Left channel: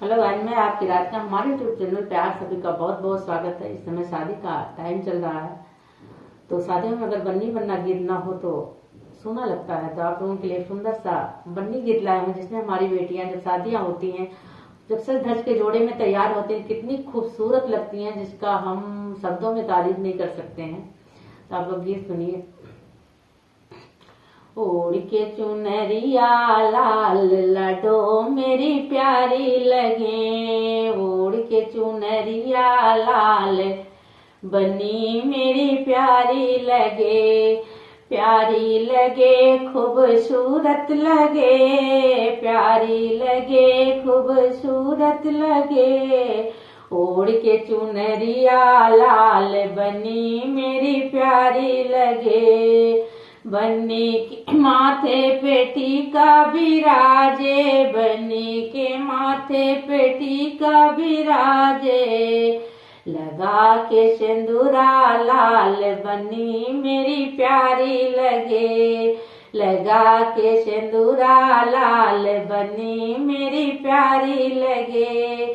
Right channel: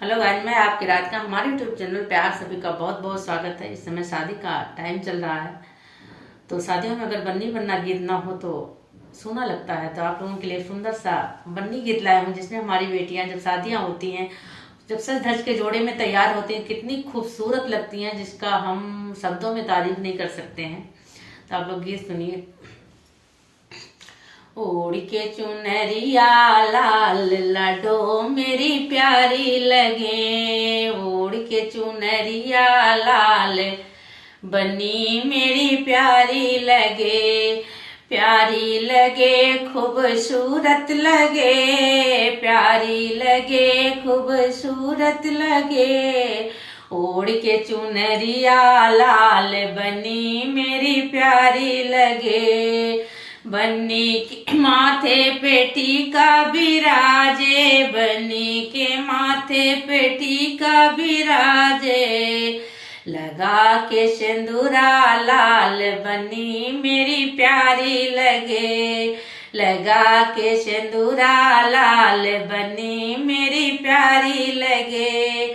Hello guys, मैं आपकी रात का हमारे यूट्यूब चैनल पे आप सभी का बहुत बहुत स्वागत है। इस समय शादी का टाइम चल रहा है, तो शादियों में अगर बन्नी बन्ना गीत ना हो तो सोना लगता है। तो आप लोगों के लिए सुंदर सा बन्नी गीत लाया हूँ, जिसमें हमारी बेटियां जब शादियां होती हैं, जब सज धज के जोड़े में तैयार होती हैं, कितनी खूबसूरत लगती हैं, जिसका हम शब्दों में तारीफ नहीं कर सकते हैं। तो आप लोग गीत सुनिए। ओढ़ के चुनरिया लाल लाडो मेरी प्यारी लगे, ओढ़ के चुनरिया लाल बनी मेरी प्यारी लगे, प्यारी लगे खूबसूरत लगे, प्यारी लगे खूबसूरत लगे। ओढ़ के चुनरिया लाल बनी मेरी प्यारी लगे, बन्नी के माथे पे टीका बिराजे, बन्नी के माथे पे टीका बिराजे, लगा के सिंदूरा लाल बन्नी मेरी प्यारी लगे, लगा के सिंदूरा लाल बन्नी मेरी प्यारी लगे,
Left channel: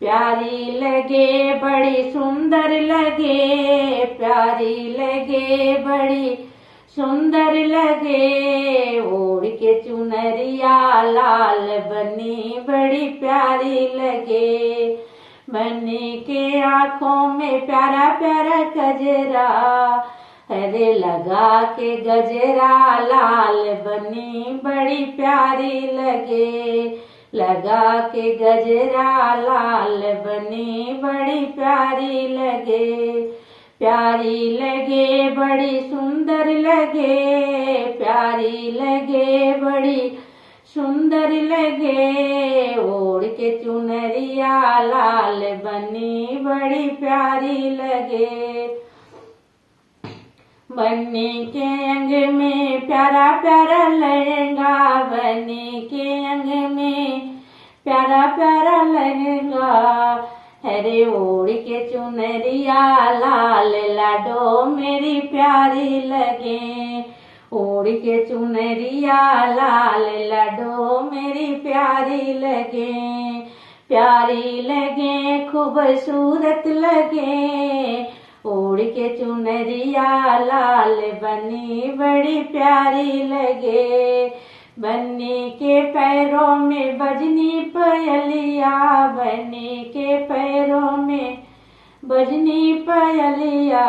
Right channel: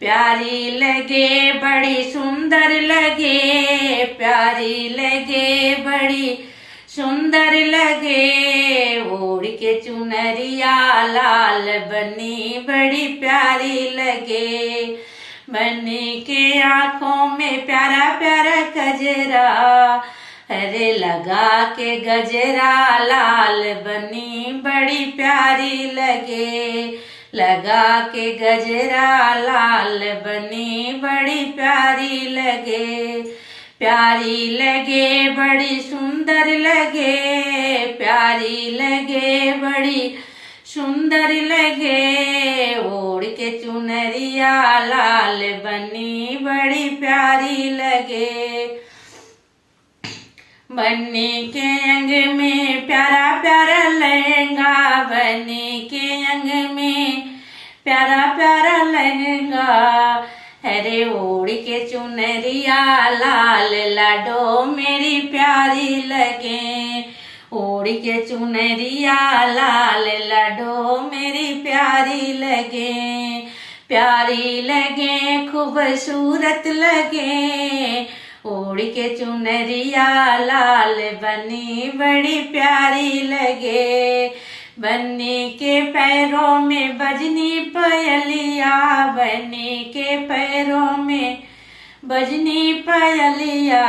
प्यारी लगे बड़ी सुंदर लगे, प्यारी लगे बड़ी सुंदर लगे। ओढ़ के चुनरिया लाल बनी बड़ी प्यारी लगे, बनी के आंखों में प्यारा प्यारा गजरा, अरे लगा के गजरा लाल बनी बड़ी प्यारी लगे, लगा के गजरा लाल बनी बड़ी प्यारी लगे, प्यारी लगे बड़ी सुंदर लगे, प्यारी लगे बड़ी सुंदर लगे। ओढ़ के चुनरिया लाल बनी बड़ी प्यारी लगे, बन्नी के अंग में प्यारा प्यारा लहंगा, बन्नी के अंग में प्यारा प्यारा लहंगा, अरे ओढ़ के चुनरिया लाल लाडो मेरी प्यारी लगे, ओढ़ के चुनरिया लाल लाडो मेरी प्यारी लगे, प्यारी लगे खूबसूरत लगे। ओढ़ के चुनरिया लाल बनी बड़ी प्यारी लगे, बन्नी के पैरों में बजनी पयलिया, बन्नी के पैरों में बजनी पयलिया,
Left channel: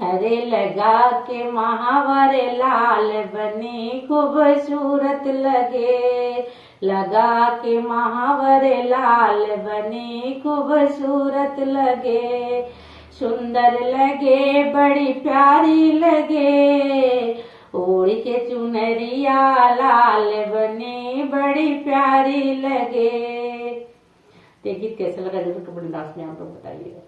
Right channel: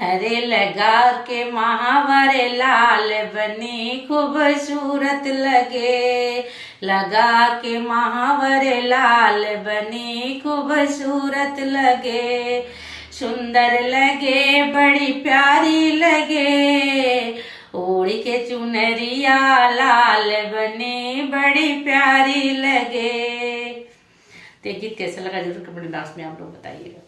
हरे लगा के महावर लाल बनी खूबसूरत लगे, लगा के महावर लाल बनी खूबसूरत लगे, सुंदर लगे बड़ी प्यारी लगे। ओढ़ के चुनरिया लाल बनी बड़ी प्यारी लगे। तो ये गीत कैसा लगा जरूर कमेंट बॉक्स में आप लोग बताइएगा।